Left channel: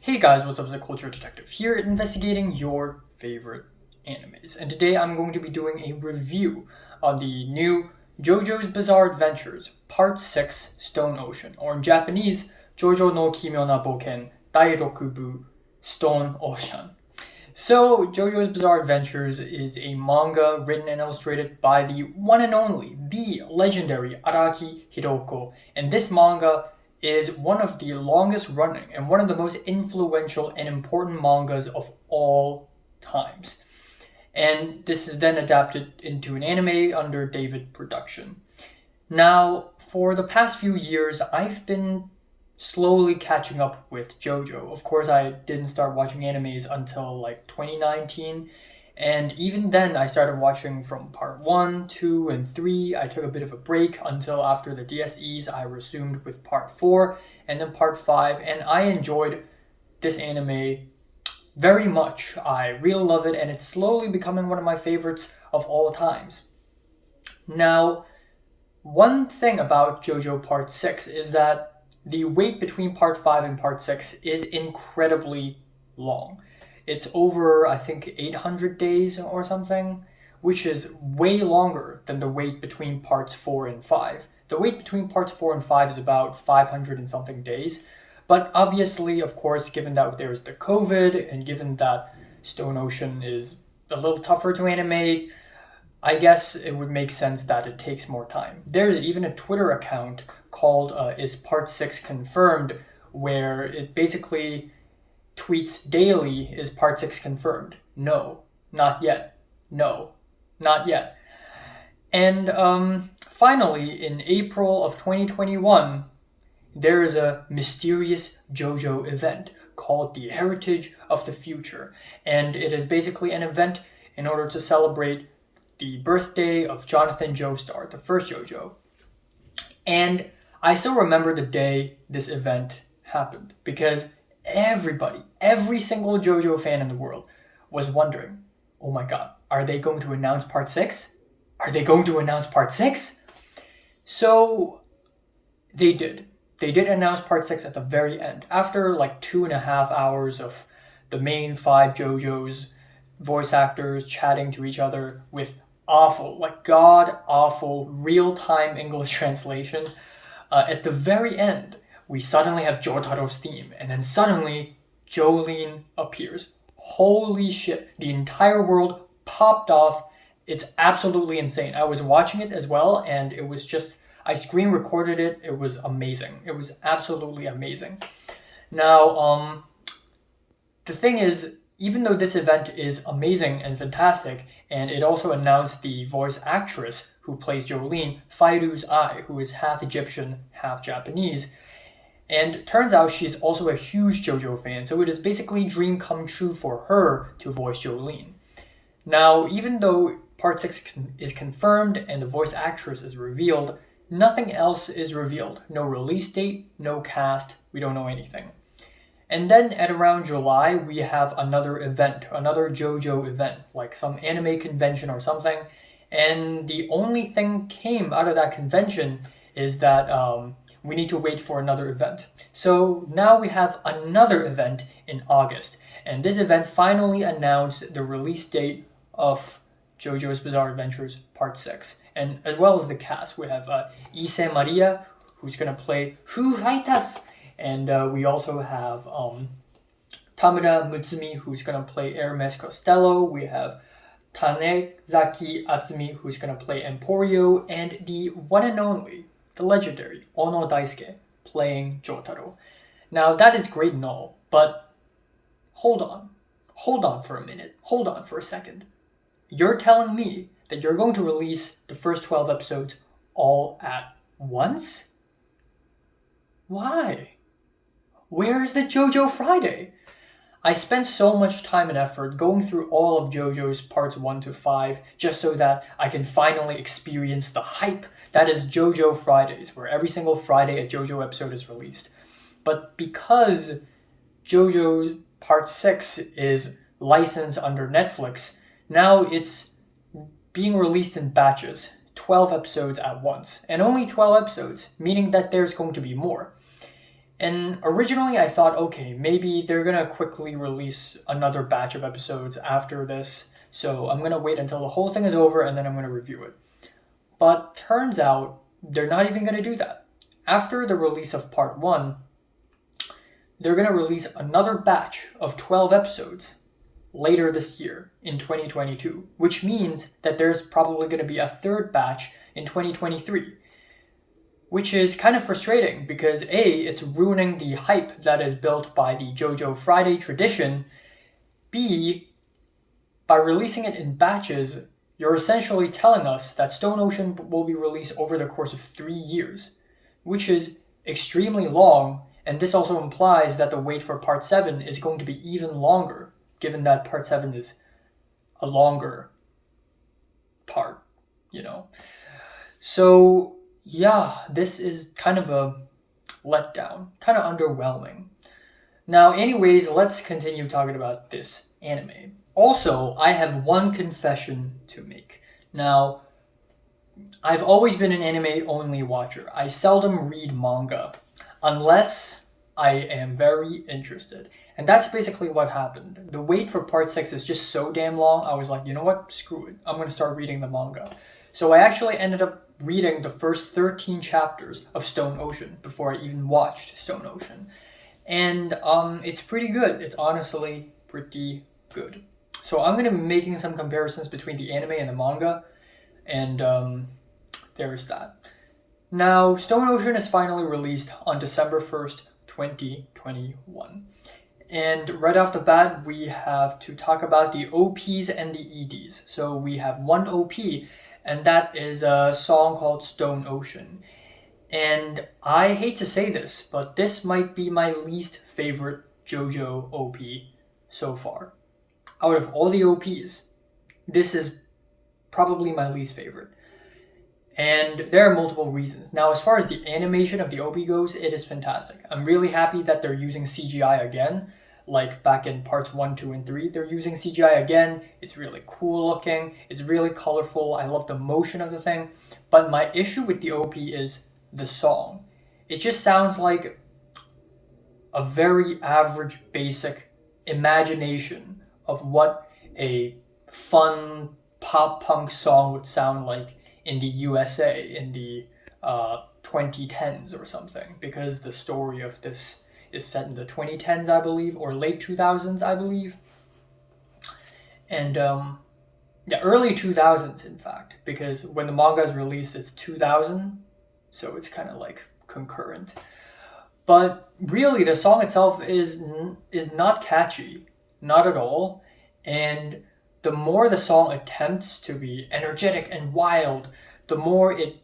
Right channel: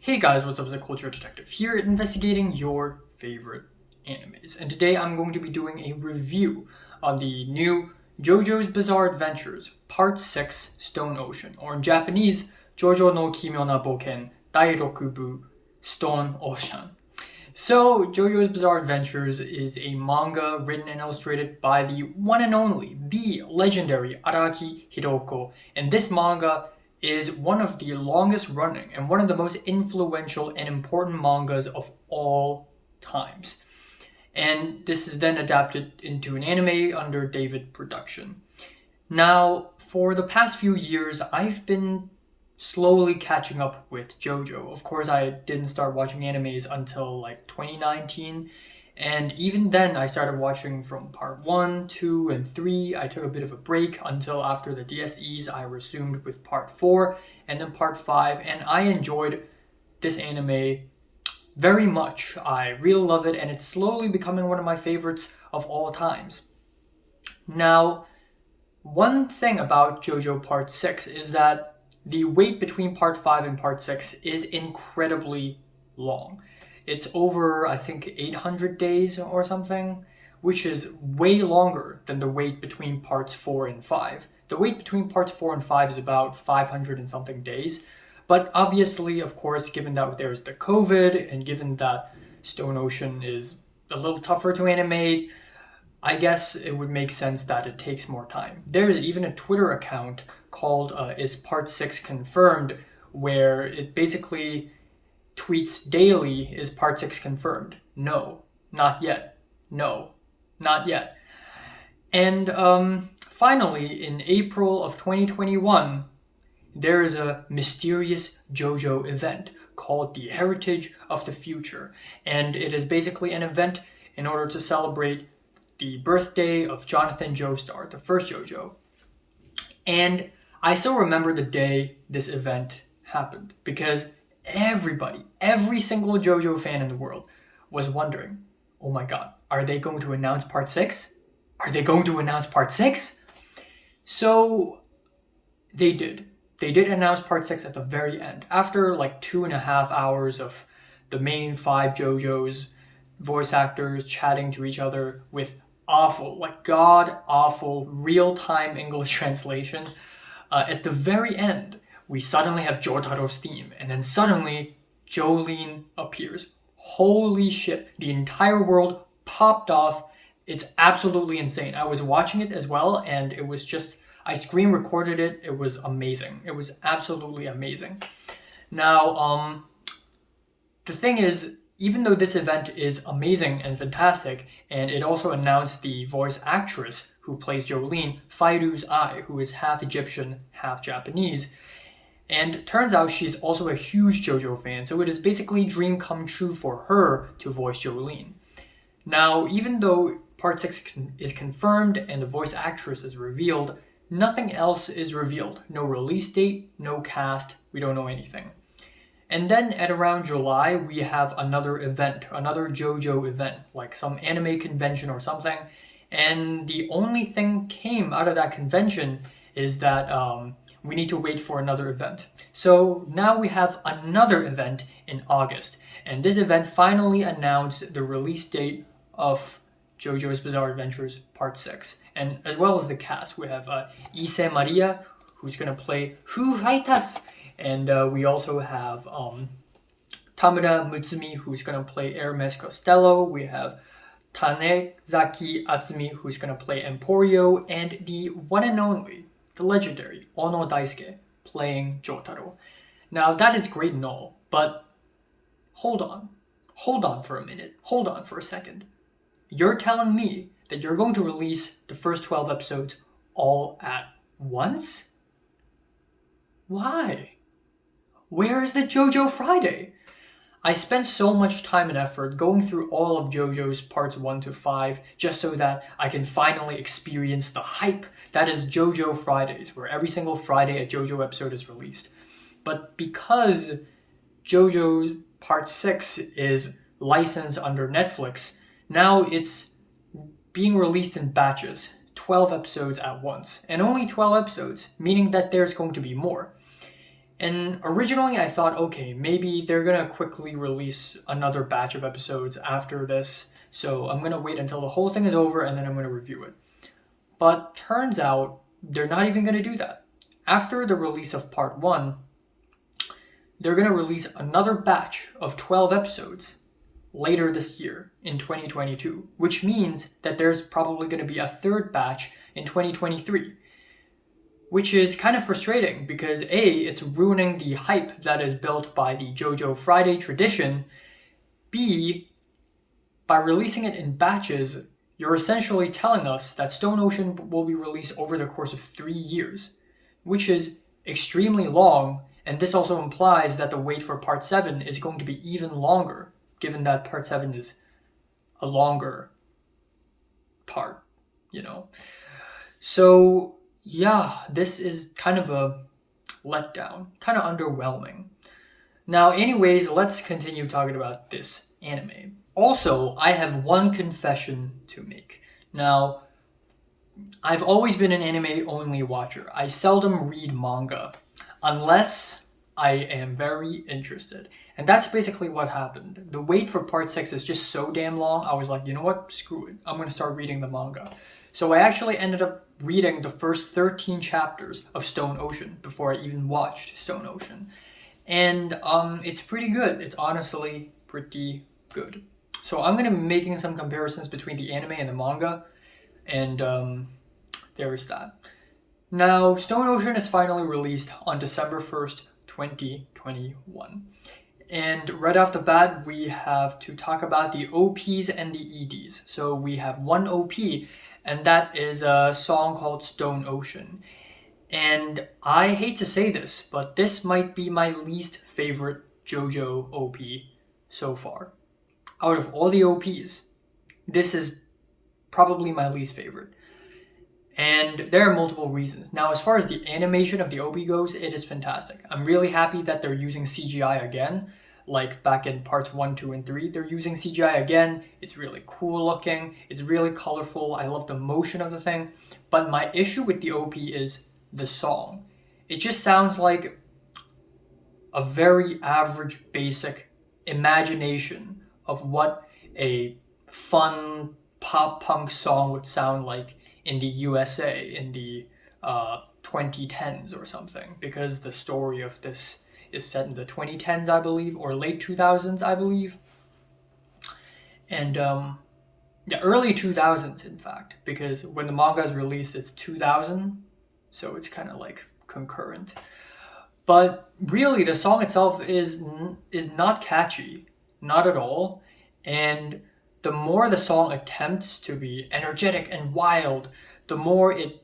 Hey guys, what's up? It's the Culture Detective here, investigating your favorite animes. And today I'm going to be doing a review on the new JoJo's Bizarre Adventures Part 6 Stone Ocean, or in Japanese, JoJo no Kimyo na Boken Dai Rokubu Stone Ocean. So, JoJo's Bizarre Adventures is a manga written and illustrated by the one and only, the legendary Araki Hiroko, and this manga is one of the longest running and one of the most influential and important mangas of all times. And this is then adapted into an anime under David Production. Now, for the past few years, I've been slowly catching up with JoJo. Of course, I didn't start watching animes until like 2019. And even then, I started watching from part 1, 2, and 3. I took a bit of a break until after the DSEs. I resumed with part 4 and then part 5. And I enjoyed this anime very much. I really love it, and it's slowly becoming one of my favorites of all times. Now, one thing about JoJo Part 6 is that the wait between Part 5 and Part 6 is incredibly long. It's over, I think, 800 days or something, which is way longer than the wait between Parts 4 and 5. The wait between Parts 4 and 5 is about 500 and something days. But obviously, of course, given that there's the COVID and given that Stone Ocean is a little tougher to animate, I guess it would make sense that it takes more time. There's even a Twitter account called Is Part 6 Confirmed, where it basically tweets daily, is Part 6 confirmed? No, not yet. No, not yet. And finally, in April of 2021, there is a mysterious JoJo event called the Heritage of the Future. And it is basically an event in order to celebrate the birthday of Jonathan Joestar, the first JoJo. And I still remember the day this event happened because everybody, every single JoJo fan in the world was wondering, oh my god, are they going to announce Part 6? Are they going to announce Part 6? So they did. They did announce Part 6 at the very end. After like 2.5 hours of the main 5 JoJo's voice actors chatting to each other with awful, like god-awful, real-time English translation, at the very end, we suddenly have Jotaro's theme, and then suddenly Jolene appears. Holy shit, the entire world popped off. It's absolutely insane. I was watching it as well, and it was just, I screen recorded it. It was amazing. It was absolutely amazing. Now, the thing is, even though this event is amazing and fantastic, and it also announced the voice actress who plays Jolene, Fairu's Ai, who is half Egyptian, half Japanese, and turns out she's also a huge JoJo fan, so it is basically a dream come true for her to voice Jolene. Now, even though Part 6 is confirmed and the voice actress is revealed, nothing else is revealed. No release date, no cast, we don't know anything. And then at around July, we have another event, another JoJo event, like some anime convention or something. And the only thing came out of that convention is that we need to wait for another event. So now we have another event in August. And this event finally announced the release date of JoJo's Bizarre Adventures Part 6. And as well as the cast, we have Issei Maria, who's going to play Foo Fighters. And we also have Tamura Mutsumi, who's going to play Hermes Costello. We have Tanezaki Atsumi, who's going to play Emporio. And the one and only, the legendary Ono Daisuke, playing Jotaro. Now, that is great and all, but hold on. Hold on for a minute. Hold on for a second. You're telling me that you're going to release the first 12 episodes all at once? Why? Where is the JoJo Friday? I spent so much time and effort going through all of JoJo's parts 1 to 5 just so that I can finally experience the hype that is JoJo Fridays, where every single Friday a JoJo episode is released. But because JoJo's Part 6 is licensed under Netflix, now it's being released in batches, 12 episodes at once, and only 12 episodes, meaning that there's going to be more. And originally I thought, okay, maybe they're gonna quickly release another batch of episodes after this, so I'm gonna wait until the whole thing is over and then I'm gonna review it. But turns out they're not even gonna do that. After the release of part 1, they're gonna release another batch of 12 episodes later this year in 2022, which means that there's probably gonna be a third batch in 2023. Which is kind of frustrating because A, it's ruining the hype that is built by the JoJo Friday tradition. B, by releasing it in batches, you're essentially telling us that Stone Ocean will be released over the course of 3 years, which is extremely long, and this also implies that the wait for Part 7 is going to be even longer, given that Part 7 is a longer part, So, yeah, this is kind of a letdown, kind of underwhelming. Now, anyways, let's continue talking about this anime. Also, I have one confession to make. Now, I've always been an anime-only watcher. I seldom read manga, unless I am very interested. And that's basically what happened. The wait for part 6 is just so damn long, I was like, you know what, screw it. I'm going to start reading the manga. So I actually ended up reading the first 13 chapters of Stone Ocean before I even watched Stone Ocean. And it's pretty good. It's honestly pretty good. So I'm going to be making some comparisons between the anime and the manga. And there is that. Now, Stone Ocean is finally released on December 1st, 2021. And right off the bat, we have to talk about the OPs and the EDs. So we have one OP, and that is a song called Stone Ocean. And I hate to say this, but this might be my least favorite JoJo OP so far. Out of all the OPs, this is probably my least favorite. And there are multiple reasons. Now, as far as the animation of the OP goes, it is fantastic. I'm really happy that they're using CGI again. Like back in parts 1, 2, and 3, they're using CGI again. It's really cool looking. It's really colorful. I love the motion of the thing. But my issue with the OP is the song. It just sounds like a very average, basic imagination of what a fun pop punk song would sound like in the USA in the 2010s or something, because the story of this is set in the 2010s, I believe, or late 2000s, I believe. And early 2000s, in fact, because when the manga is released, it's 2000, so it's kind of like concurrent. But really, the song itself is not catchy, not at all. And the more the song attempts to be energetic and wild, the more it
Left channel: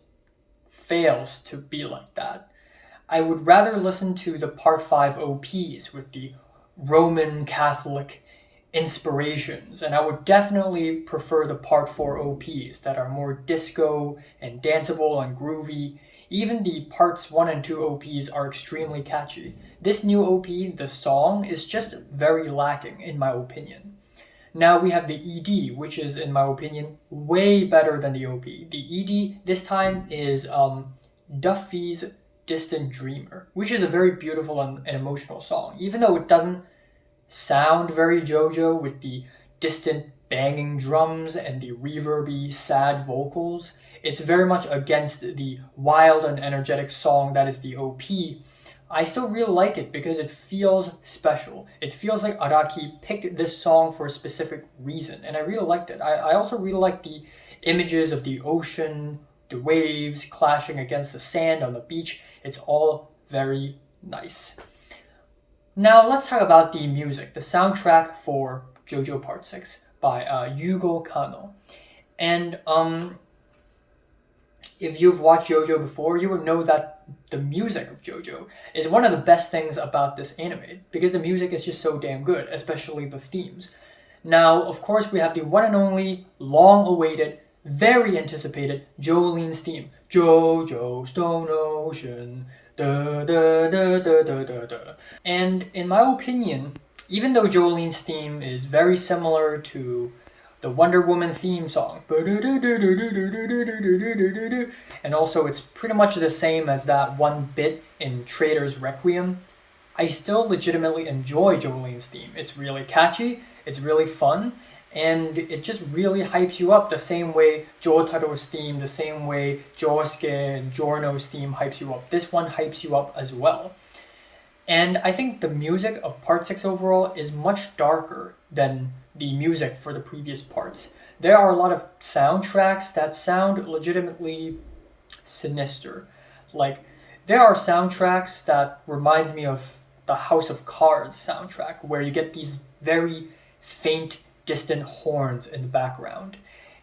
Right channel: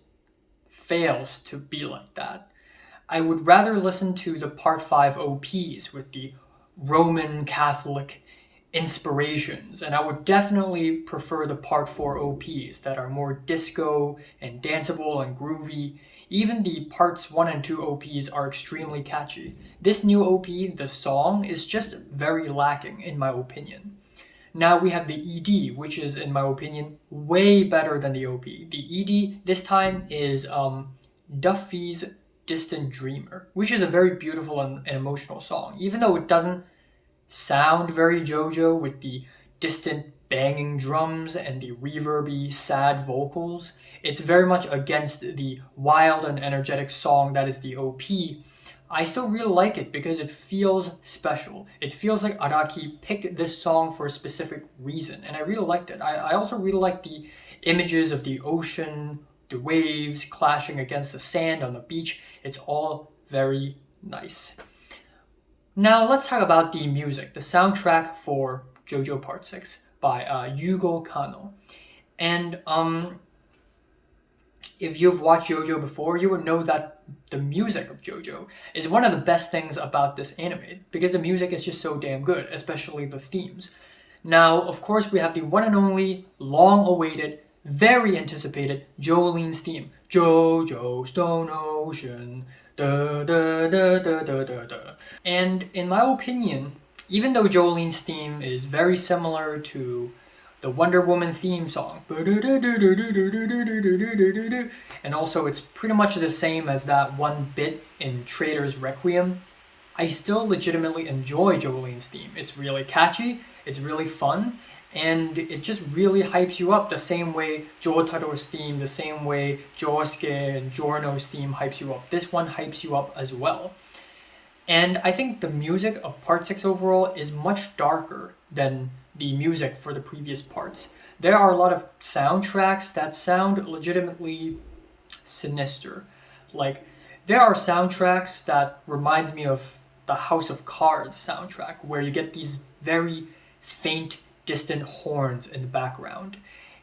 fails to be like that. I would rather listen to the Part 5 OPs with the Roman Catholic inspirations, and I would definitely prefer the Part 4 OPs that are more disco and danceable and groovy. Even the Parts 1 and 2 OPs are extremely catchy. This new OP, the song, is just very lacking in my opinion. Now we have the ED, which is, in my opinion, way better than the OP. The ED this time is Duffy's Distant Dreamer, which is a very beautiful and emotional song. Even though it doesn't sound very JoJo with the distant banging drums and the reverby, sad vocals, it's very much against the wild and energetic song that is the OP. I still really like it because it feels special. It feels like Araki picked this song for a specific reason, and I really liked it. I also really like the images of the ocean, the waves clashing against the sand on the beach. It's all very nice. Now let's talk about the music, the soundtrack for JoJo Part 6 by Yugo Kanno. And if you've watched JoJo before, you would know that the music of JoJo is one of the best things about this anime, because the music is just so damn good, especially the themes. Now, of course, we have the one and only, long-awaited, very anticipated Jolene's theme. JoJo Stone Ocean, da da da da da da da. And in my opinion, even though Jolene's theme is very similar to the Wonder Woman theme song. And also it's pretty much the same as that one bit in Trader's Requiem. I still legitimately enjoy Jolene's theme. It's really catchy, it's really fun, and it just really hypes you up the same way Jotaro's theme, the same way Josuke and Giorno's theme hypes you up. This one hypes you up as well. And I think the music of part 6 overall is much darker than the music for the previous parts. There are a lot of soundtracks that sound legitimately sinister. Like, there are soundtracks that reminds me of the House of Cards soundtrack, where you get these very faint, distant horns in the background,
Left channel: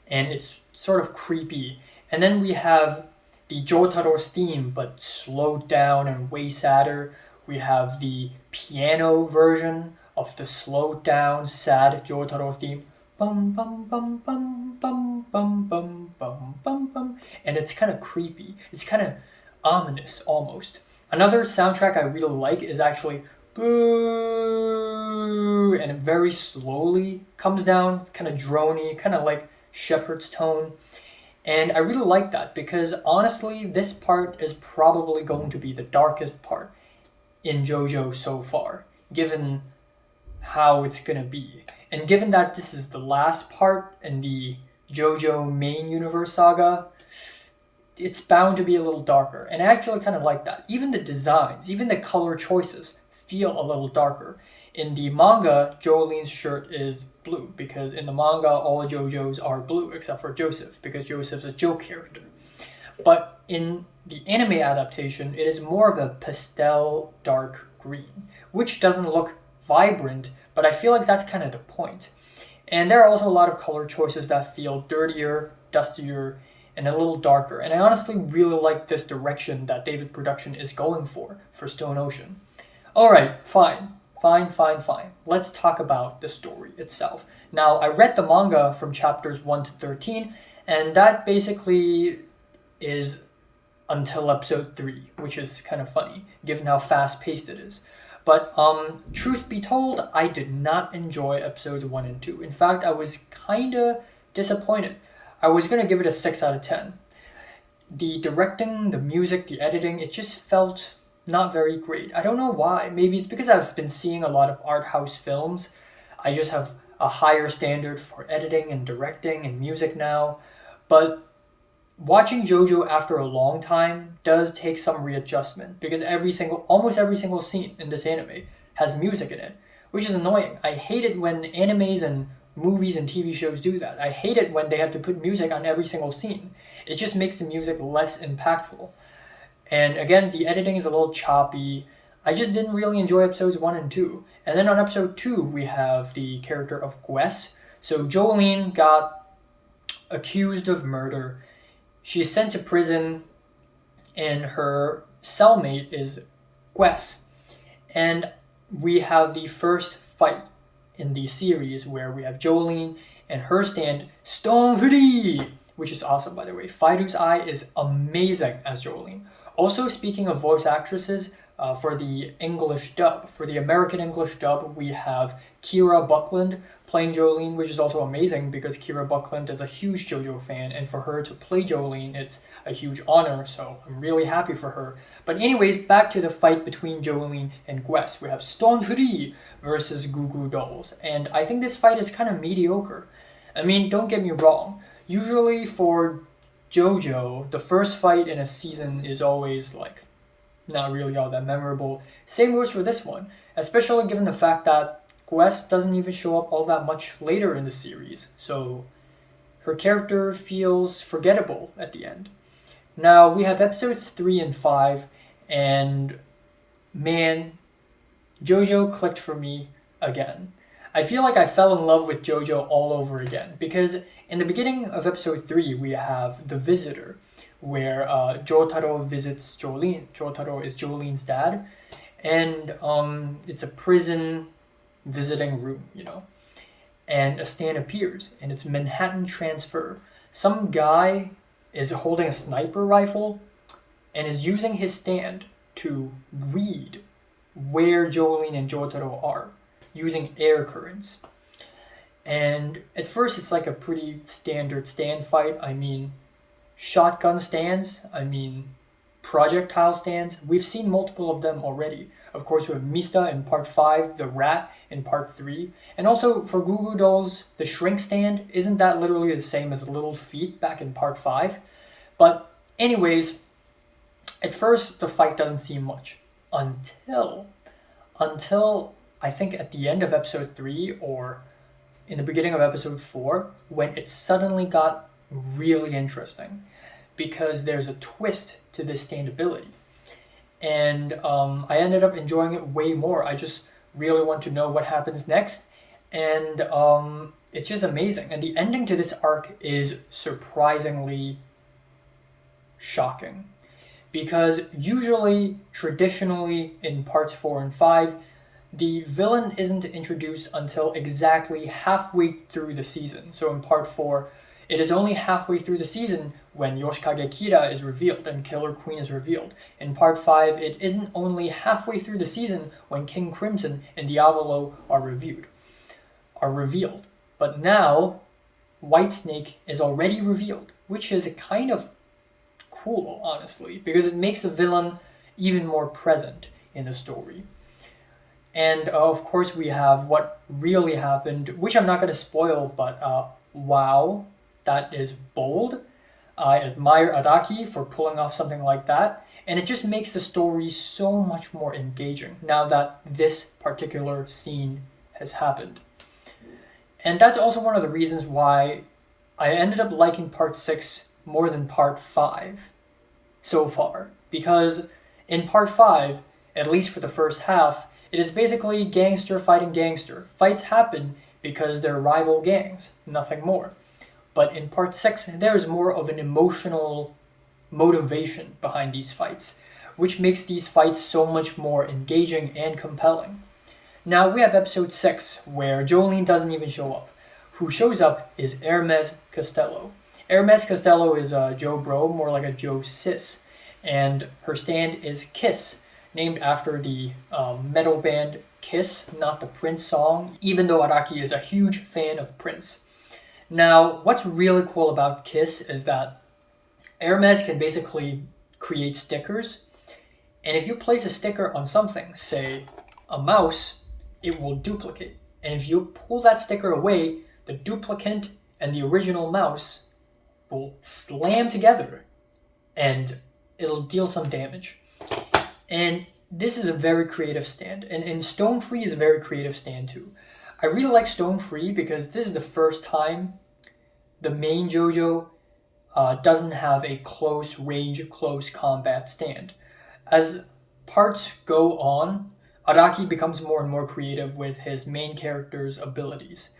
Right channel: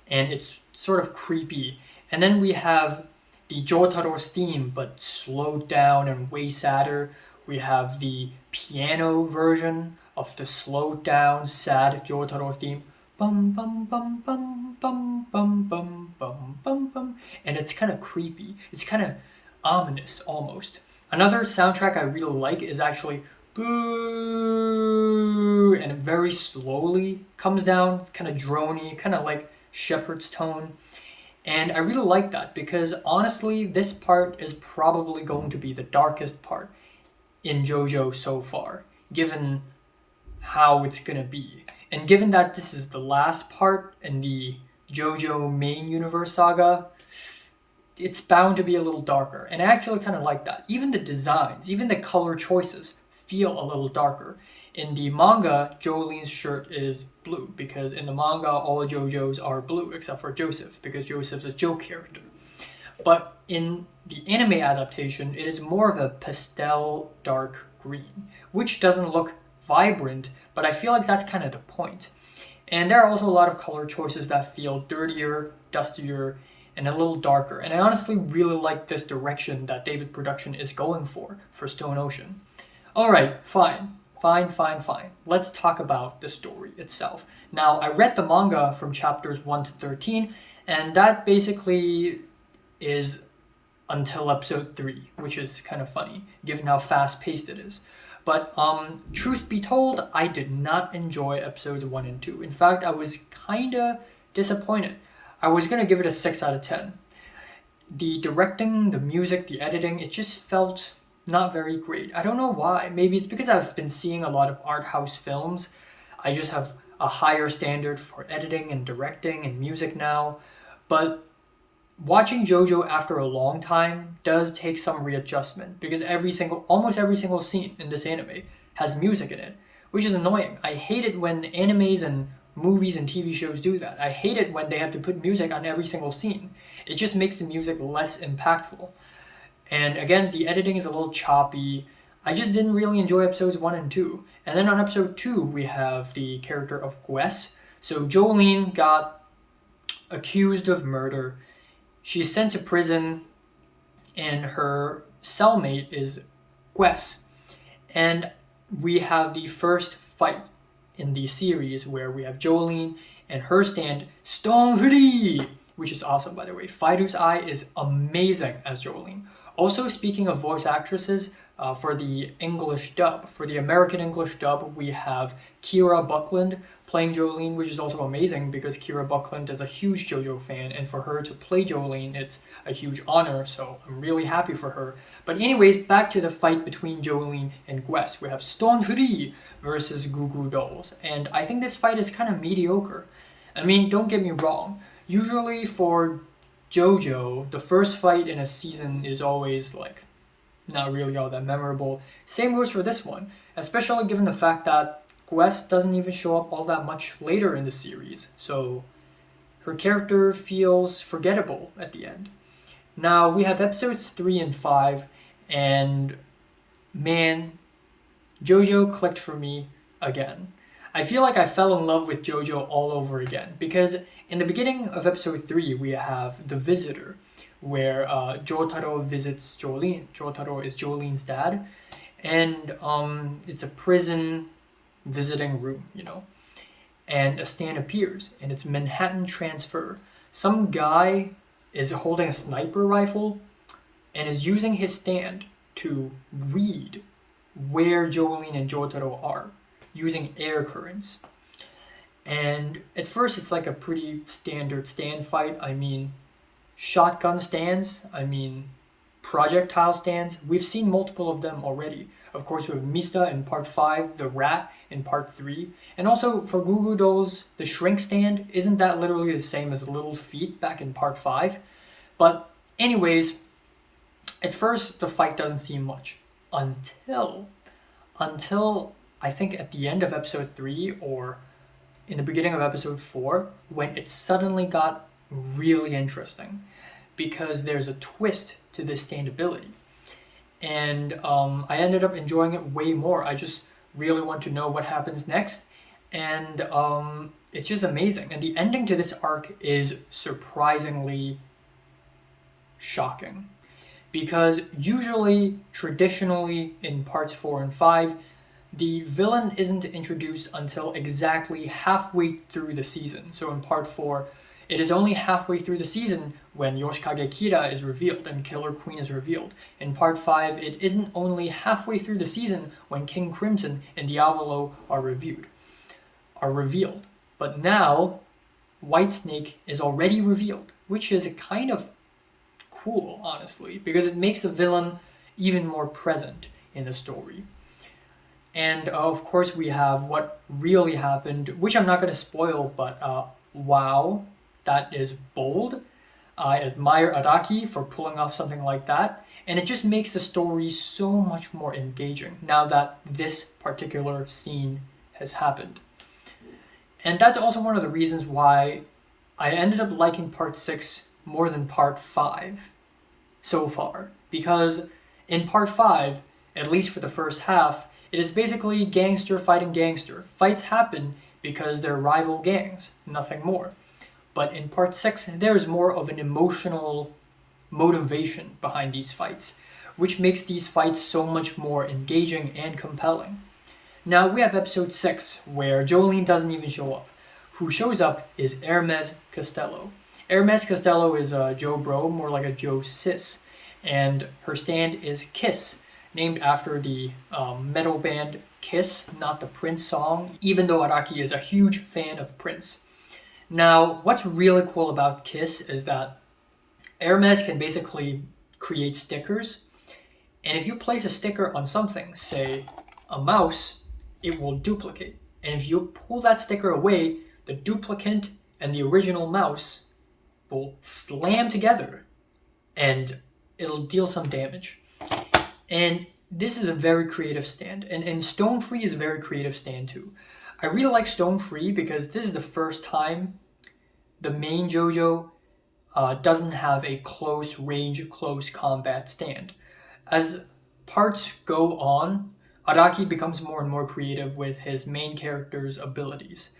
and it's sort of creepy. And then we have the Jotaro's theme, but slowed down and way sadder. We have the piano version of the slowed down, sad Jotaro theme. Bum bum bum bum bum bum bum bum bum bum, and it's kind of creepy. It's kind of ominous almost. Another soundtrack I really like is actually Boo, and it very slowly comes down. It's kind of drony, kind of like Shepherd's tone. And I really like that because honestly, this part is probably going to be the darkest part in JoJo so far, given how it's gonna be. And given that this is the last part in the JoJo main universe saga, it's bound to be a little darker. And I actually kind of like that. Even the designs, even the color choices feel a little darker. In the manga, Jolene's shirt is blue because in the manga, all the JoJo's are blue except for Joseph because Joseph's a joke character. But in the anime adaptation, it is more of a pastel dark green, which doesn't look vibrant, but I feel like that's kind of the point. And there are also a lot of color choices that feel dirtier, dustier, and a little darker. And I honestly really like this direction that David Production is going for Stone Ocean. Alright, fine. Let's talk about the story itself. Now, I read the manga from chapters 1 to 13, and that basically is until episode 3, which is kind of funny, given how fast-paced it is. But truth be told, I did not enjoy episodes 1 and 2. In fact, I was kinda disappointed. I was gonna give it a 6 out of 10. The directing, the music, the editing, it just felt not very great. I don't know why. Maybe it's because I've been seeing a lot of art house films. I just have a higher standard for editing and directing and music now. But watching JoJo after a long time does take some readjustment because almost every single scene in this anime has music in it, which is annoying. I hate it when animes and movies and TV shows do that. I hate it when they have to put music on every single scene. It just makes the music less impactful. And again, the editing is a little choppy. I just didn't really enjoy episodes 1 and 2. And then on episode 2, we have the character of Gwes. So Jolene got accused of murder. She is sent to prison, and her cellmate is Gwes. And we have the first fight in the series where we have Jolene and her stand Stone Free, which is awesome, by the way. Fido's Eye is amazing as Jolene. Also, speaking of voice actresses, for the English dub, for the American English dub, we have Kira Buckland playing Jolene, which is also amazing because Kira Buckland is a huge JoJo fan, and for her to play Jolene, it's a huge honor, so I'm really happy for her. But anyways, back to the fight between Jolene and Gwes. We have Stone Free versus Goo Goo Dolls, and I think this fight is kind of mediocre. I mean, don't get me wrong. Usually for JoJo, the first fight in a season is always like not really all that memorable. Same goes for this one, especially given the fact that Gwes doesn't even show up all that much later in the series, so her character feels forgettable at the end. Now, we have episodes 3 and 5, and man, JoJo clicked for me again. I feel like I fell in love with JoJo all over again, because in the beginning of episode 3, we have The Visitor, where Jotaro visits Jolene. Jotaro is Jolene's dad, and it's a prison visiting room, and a stand appears, and it's Manhattan Transfer. Some guy is holding a sniper rifle and is using his stand to read where Jolene and Jotaro are, using air currents. And at first it's like a pretty standard stand fight. I mean, shotgun stands, I mean, projectile stands. We've seen multiple of them already. Of course, we have Mista in part 5, the rat in part 3. And also for Goo Goo Dolls, the shrink stand, isn't that literally the same as Little Feet back in part 5? But anyways, at first the fight doesn't seem much until I think at the end of episode 3 or in the beginning of episode 4, when it suddenly got really interesting, because there's a twist to this stand ability. And I ended up enjoying it way more. I just really want to know what happens next. And it's just amazing. And the ending to this arc is surprisingly shocking. Because usually, traditionally, in parts 4 and 5, the villain isn't introduced until exactly halfway through the season. So in part 4, it is only halfway through the season when Yoshikage Kira is revealed and Killer Queen is revealed. In part 5, it isn't only halfway through the season when King Crimson and Diavolo are revealed. But now, Whitesnake is already revealed, which is kind of cool, honestly, because it makes the villain even more present in the story. And of course, we have what really happened, which I'm not going to spoil, but wow, that is bold. I admire Araki for pulling off something like that, and it just makes the story so much more engaging now that this particular scene has happened. And that's also one of the reasons why I ended up liking part 6 more than part 5 so far, because in part 5, at least for the first half, it is basically gangster fighting gangster. Fights happen because they're rival gangs, nothing more. But in part 6, there is more of an emotional motivation behind these fights, which makes these fights so much more engaging and compelling. Now we have episode 6, where Jolene doesn't even show up. Who shows up is Hermes Costello. Hermes Costello is a Joe Bro, more like a Joe Sis, and her stand is Kiss, named after the metal band Kiss, not the Prince song, even though Araki is a huge fan of Prince. Now, what's really cool about Kiss is that Hermes can basically create stickers, and if you place a sticker on something, say a mouse, it will duplicate. And if you pull that sticker away, the duplicate and the original mouse will slam together, and it'll deal some damage. And this is a very creative stand. And Stone Free is a very creative stand too. I really like Stone Free because this is the first time the main JoJo doesn't have a close range, close combat stand. As parts go on, Araki becomes more and more creative with his main character's abilities.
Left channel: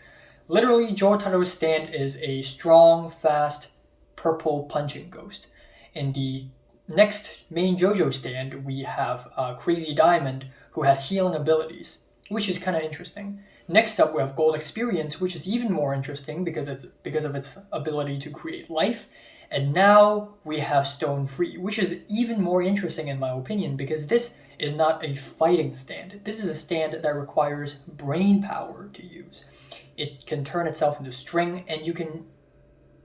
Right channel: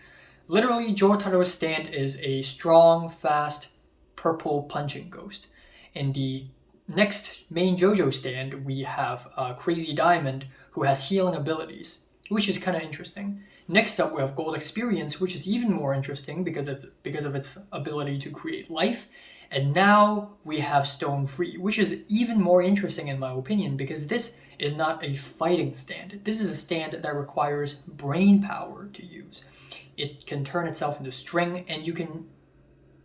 Literally, Jotaro's stand is a strong, fast, purple punching ghost. In the next main JoJo stand, we have Crazy Diamond, who has healing abilities, which is kind of interesting. Next up, we have Gold Experience, which is even more interesting because of its ability to create life. And now we have Stone Free, which is even more interesting in my opinion because this is not a fighting stand. This is a stand that requires brain power to use. It can turn itself into string, and you can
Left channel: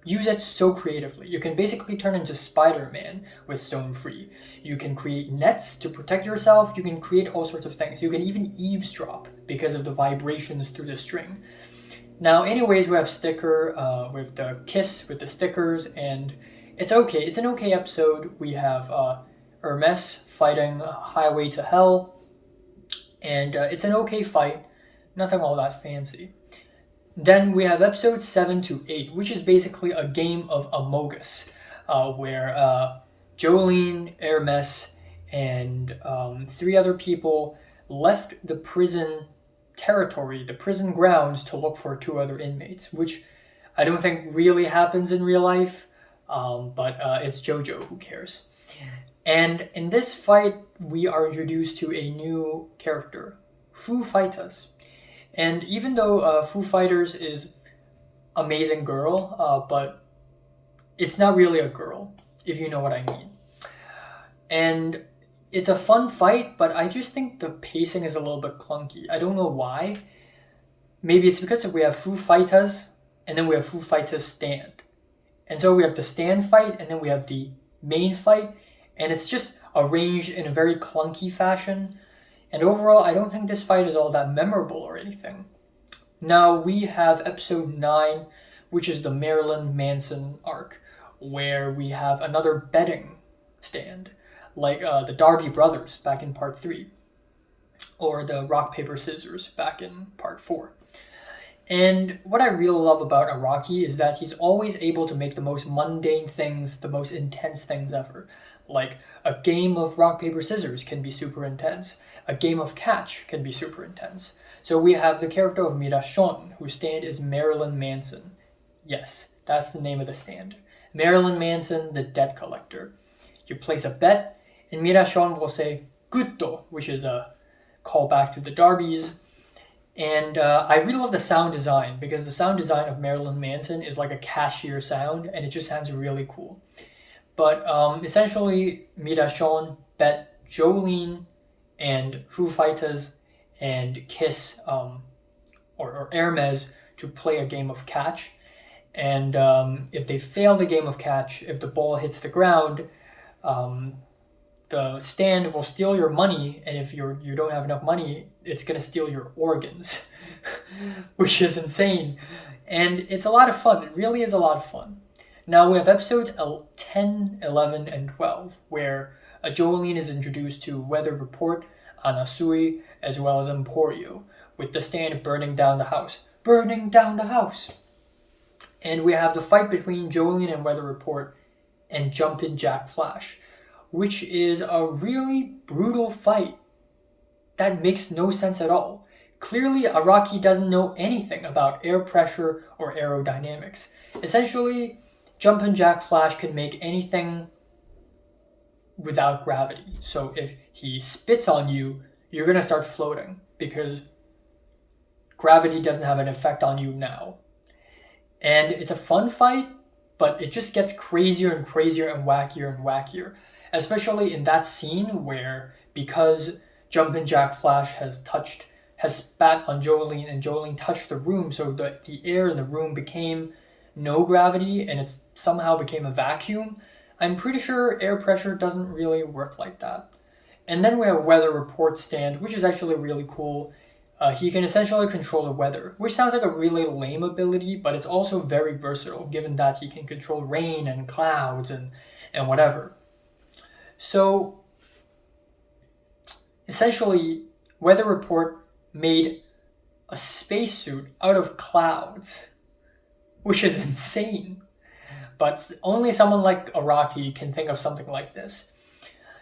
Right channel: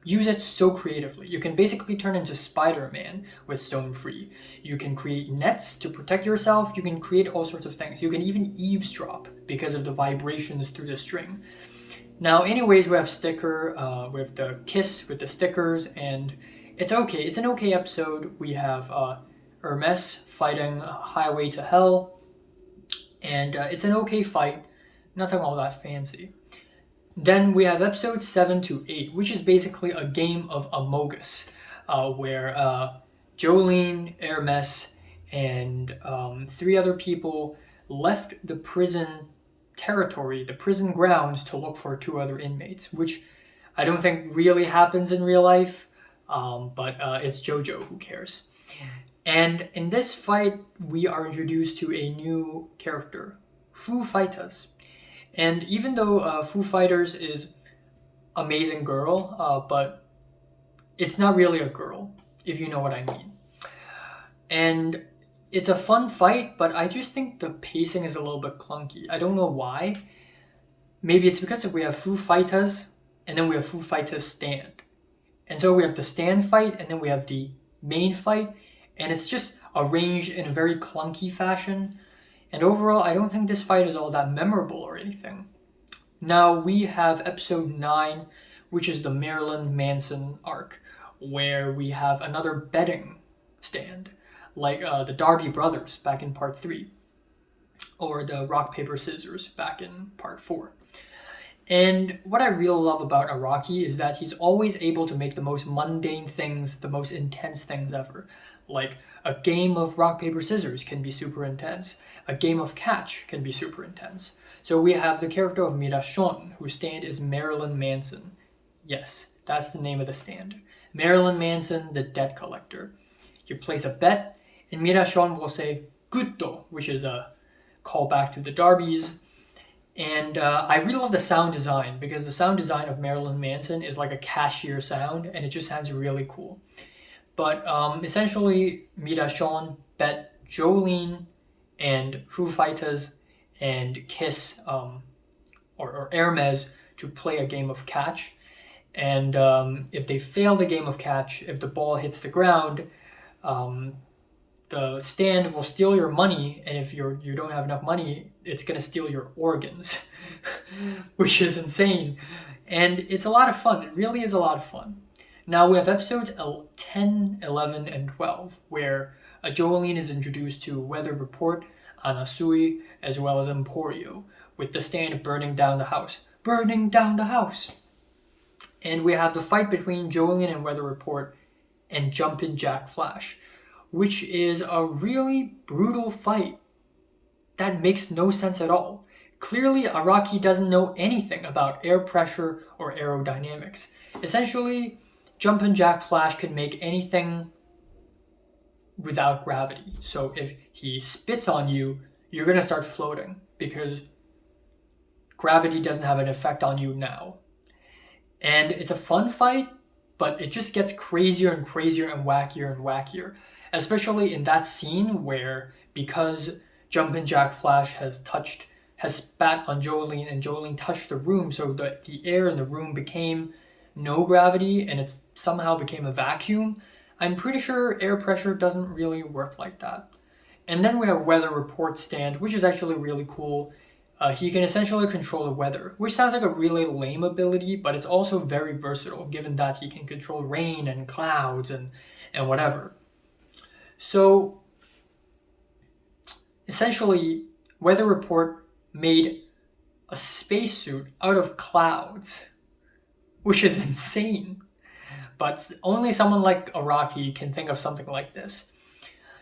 use it so creatively. You can basically turn into Spider-Man with Stone Free. You can create nets to protect yourself. You can create all sorts of things. You can even eavesdrop because of the vibrations through the string. Now, anyways, we have sticker with the kiss with the stickers, and it's okay. It's an okay episode. We have Hermes fighting Highway to Hell, and it's an okay fight. Nothing all that fancy. Then we have episodes 7 to 8, which is basically a game of Among Us, where Jolene, Hermes, and 3 other people left the prison territory, the prison grounds, to look for 2 other inmates, which I don't think really happens in real life, but it's JoJo, who cares. And in this fight, we are introduced to a new character, Foo Fighters. And even though Foo Fighters is amazing girl, but it's not really a girl, if you know what I mean. And it's a fun fight, but I just think the pacing is a little bit clunky. I don't know why. maybe it's because we have Foo Fighters and then we have Foo Fighters stand. And so we have the stand fight and then we have the main fight, and it's just arranged in a very clunky fashion. And overall, I don't think this fight is all that memorable or anything. Now we have episode 9, which is the Marilyn Manson arc, where we have another betting stand, like the Darby brothers back in part 3, or the rock, paper, scissors back in part 4. And what I really love about Araki is that he's always able to make the most mundane things the most intense things ever. Like a game of rock, paper, scissors can be super intense. A game of catch can be super intense. So we have the character of Mirashon, whose stand is Marilyn Manson. Yes, that's the name of the stand. Marilyn Manson, the debt collector. You place a bet, and Mirashon will say "gutto," which is a callback to the Darbys. And I really love the sound design, because the sound design of Marilyn Manson is like a cashier sound, and it just sounds really cool. But essentially, Mirashon bet Jolene and Foo Fighters and Kiss or Hermes to play a game of catch. And if they fail the game of catch, if the ball hits the ground, the stand will steal your money, and if you don't have enough money, it's going to steal your organs, which is insane. And it's a lot of fun. It really is a lot of fun. Now we have episodes 10, 11, and 12, where Jolene is introduced to Weather Report, Anasui, as well as Emporio, with the stand burning down the house. Burning down the house! And we have the fight between Jolene and Weather Report and Jumpin' Jack Flash, which is a really brutal fight that makes no sense at all. Clearly, Araki doesn't know anything about air pressure or aerodynamics. Essentially, Jumpin' Jack Flash can make anything without gravity. So if he spits on you, you're going to start floating, because gravity doesn't have an effect on you now. And it's a fun fight, but it just gets crazier and crazier and wackier, especially in that scene where, because Jumpin' Jack Flash has spat on Jolene, and Jolene touched the room, so the air in the room became no gravity and it somehow became a vacuum. I'm pretty sure air pressure doesn't really work like that. And then we have Weather Report stand, which is actually really cool. He can essentially control the weather, which sounds like a really lame ability, but it's also very versatile, given that he can control rain and clouds and whatever. So essentially, Weather Report made a spacesuit out of clouds, which is insane. But only someone like Araki can think of something like this.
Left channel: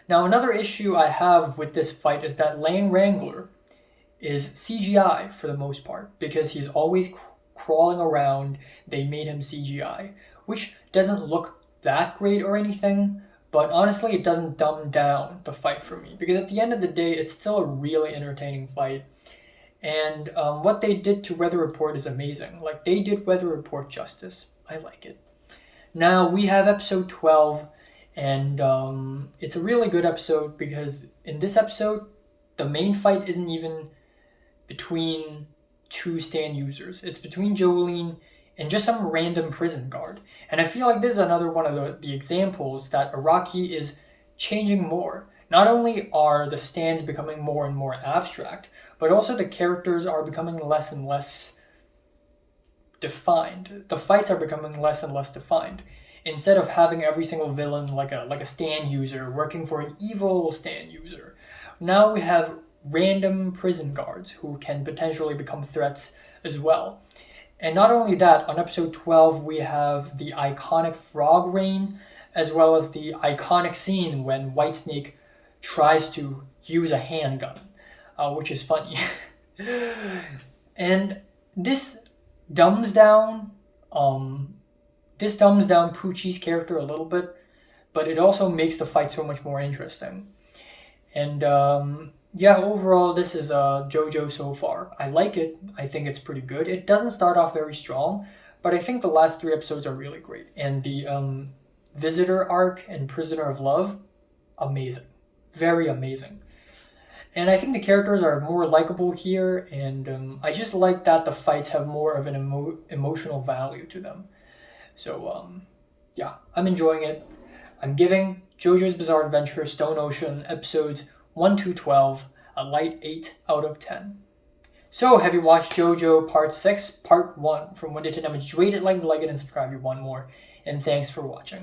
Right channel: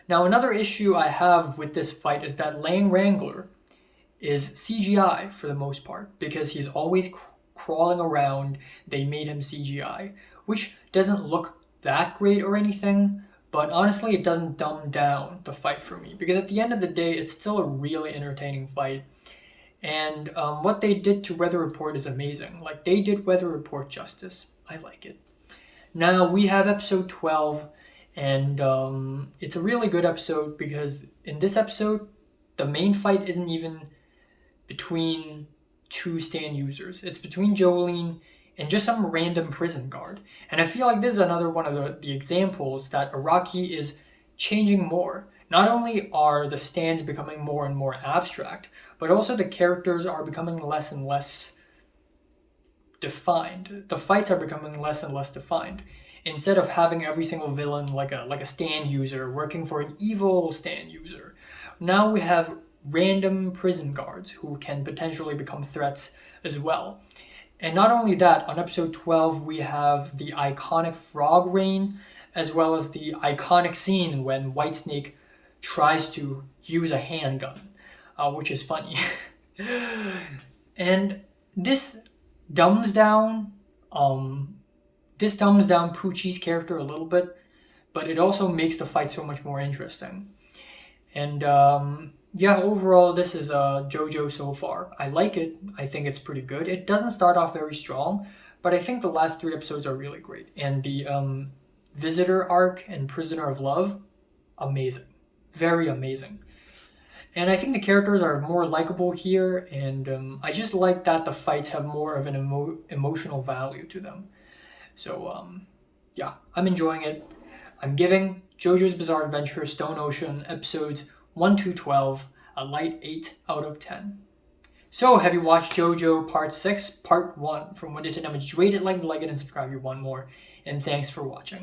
Now, another issue I have with this fight is that Lang Wrangler is CGI for the most part, because he's always crawling around. They made him CGI, which doesn't look that great or anything, but honestly, it doesn't dumb down the fight for me, because at the end of the day, it's still a really entertaining fight. And what they did to Weather Report is amazing. Like, they did Weather Report justice. I like it. Now we have episode 12, and it's a really good episode, because in this episode, the main fight isn't even between two stand users. It's between Jolene and just some random prison guard. And I feel like this is another one of the examples that Araki is changing more. Not only are the stands becoming more and more abstract, but also the characters are becoming less and less defined. The fights are becoming less and less defined. Instead of having every single villain like a stand user working for an evil stand user, now we have random prison guards who can potentially become threats as well. And not only that, on episode 12 we have the iconic frog rain, as well as the iconic scene when Whitesnake tries to use a handgun, which is funny. And this dumbs down Poochie's character a little bit, but it also makes the fight so much more interesting. And overall, this is JoJo so far. I like it. I think it's pretty good. It doesn't start off very strong, but I think the last 3 episodes are really great. And the Visitor arc and Prisoner of Love, amazing. Very amazing. And I think the characters are more likable here, and I just like that the fights have more of an emotional value to them. So, yeah, I'm enjoying it. I'm giving JoJo's Bizarre Adventure Stone Ocean episodes 1 to 12 a light 8 out of 10. So, have you watched JoJo Part 6, Part 1? From Wendy to Damage, rate it, like it, and subscribe if you want more. And thanks for watching.